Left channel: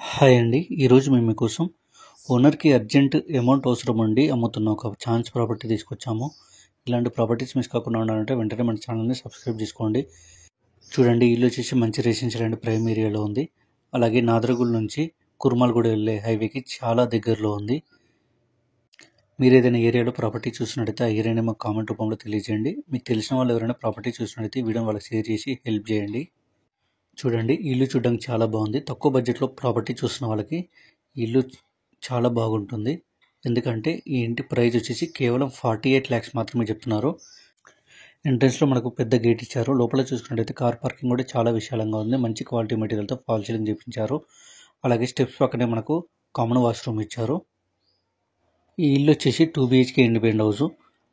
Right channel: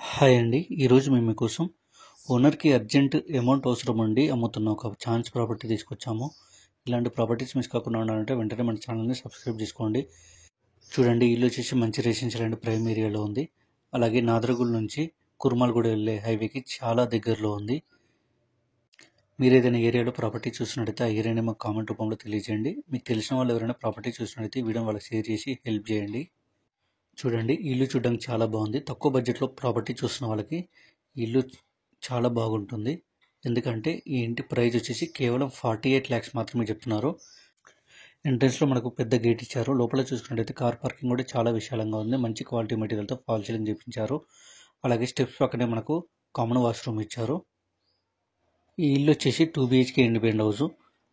Hi అండి. ఈరోజు మేము మీకోసం ఓనర్‌కి అర్జెంట్ అమౌంట్ అవసరం ఉండి అమ్ముతున్న ఒక ఛాన్స్ ప్రాపర్టీ తీసుకొచ్చాము. ఇలాంటి ప్రాపర్టీస్ మిస్ కాకుండా ఉండాలంటే వెంటనే మన ఛానల్‌ని సబ్స్క్రైబ్ చేసుకోండి. చూడండి, ఇల్లు వచ్చేసి మంచి రెసిడెన్షియల్ అండ్ ప్రైమ్ ఏరియాలో ఉంది. అలాగే నాదరగూడ నుంచి కుర్మాలగూడ వెళ్ళే హైవేకి చాలా దగ్గరలో ఉంది. మీరు ఏదైనా ఏరియాలో ప్రాపర్టీ చూసినట్టయితే ఆ ఏరియాని మాకు కామెంట్ రూపంలో తెలియజేయండి. మీకు తెలిసిన వాళ్ళు ఎవరైనా ప్రాపర్టీ చూసినట్టయితే ఈ వీడియోని వాళ్ళకి షేర్ చేసి హెల్ప్ చేయండి. చూడండి, ఇల్లు చూడడానికి చాలా బాగుంది. తక్కువ బడ్జెట్లో ప్రాపర్టీ చూస్తున్న వాళ్ళకి ఇల్లు చాలా బాగుంటుంది. ఎందుకంటే ఈ ఇంటి ప్రైస్ వచ్చేసి కేవలం 48 lakhs మాత్రమే చెప్తున్నారు. ఎంట్రన్స్లో మనకు పెద్ద గేట్ ఇచ్చారు. లోపల చూసుకున్నట్టయితే కార్ పార్కింగ్ కూడా చాలా విశాలంగా ఉంది. మంచి క్వాలిటీ మెటీరియల్తో ఫాల్ సీలింగ్ చేయించారు. అలాగే స్టెప్స్ పక్కనే మనకు కామన్ వాష్రూమ్ ఇచ్చారు. ఈ ఇల్లు వచ్చేసి 2 BHK ఇండిపెండెంట్ హౌస్,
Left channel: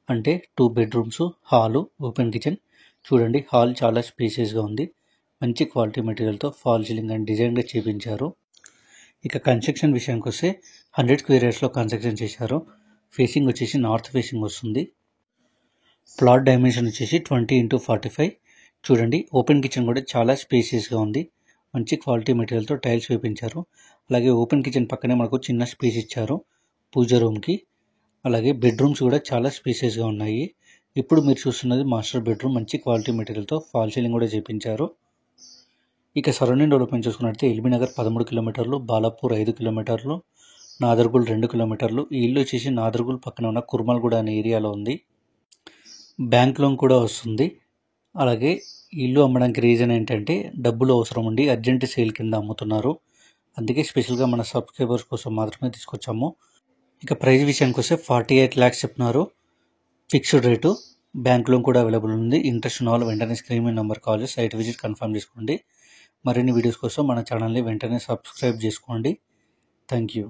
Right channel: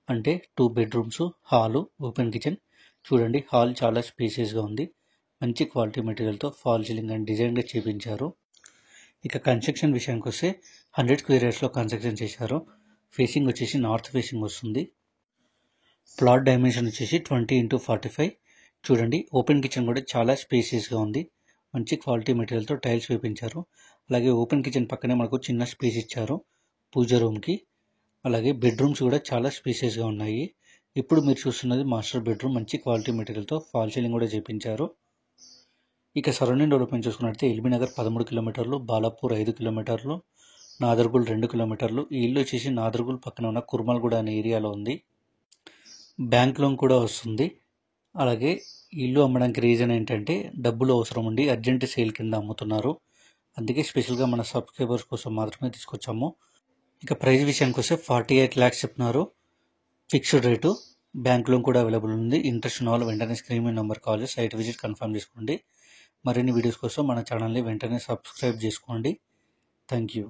అంటే 2 bedrooms, హాలు, ఓపెన్ కిచెన్. చూడండి, హాల్ చాలా స్పేసియస్గా ఉంది. మంచి క్వాలిటీ మెటీరియల్తో ఫాల్ సీలింగ్ అండ్ డిజైన్గా చేయించారు. ఇక కన్స్ట్రక్షన్ విషయానికి వస్తే 100 square yardsలో కన్స్ట్రక్షన్ చేశారు. ఫేసింగ్ వచ్చేసి నార్త్ ఫేసింగ్ వస్తుంది. ప్లాట్ డైమెన్షన్ వచ్చేసి 20x45. చూడండి, ఓపెన్ కిచెన్ కూడా చాలా స్పేసియస్గా ఉంది. మంచి క్వాలిటీ మెటీరియల్తో టైల్స్ వేయించారు. అలాగే ఓపెన్ కిచెన్ పక్కనే మనకు చిన్న స్పేస్ ఇచ్చారు పూజ రూమ్కి. అలాగే బెడ్రూమ్స్ కూడా చాలా స్పేసియస్గా ఉన్నాయి. ఇప్పుడు మీరు చూస్తున్నది మాస్టర్ బెడ్రూమ్. మంచి క్వాలిటీ మెటీరియల్తో ఫాల్ సీలింగ్ కూడా చేయించారు. ఇక సరౌండింగ్ డెవలప్మెంట్ చూసుకున్నట్లయితే ఎల్బీ నగర్ 13 కిలోమీటర్లు, బాలాపూర్ 5 కిలోమీటర్లు, నాదర్గుల్ 2 కిలోమీటర్లు. ఈ ఇల్లు వచ్చేసి నాదర్గుల్ పక్కన ఉన్న కుర్మల్గూడ అనే ఏరియాలో ఉంది. బ్యాంక్ లోన్ కూడా వస్తుంది. అలాగే ఇల్లు అమ్మడానికి రీజన్ ఏంటంటే డబ్బులు అవసరం ఉండి అర్జెంట్ సేల్ కింద అమ్ముతున్నారు. అందుకే స్పెషల్గా మన సబ్స్క్రైబర్స్ కోసం మాత్రమే తీసుకొచ్చాము. ఇక ప్రైస్ విషయానికి వస్తే 48 lakhs చెప్తున్నారు. Fixed rate. బ్యాంక్ లోన్ కూడా అవైలబుల్ ఉంది. ఇంట్రెస్ట్ ఉన్న వాళ్ళు వెంటనే స్క్రీన్ మీద నెంబర్ కాల్ చేసి సైట్ విజిట్ కన్ఫర్మ్ చేసుకోండి. మరిన్ని వీడియోస్ కోసం మన ఛానల్ని వెంటనే సబ్స్క్రైబ్ చేసుకోండి. Thank you.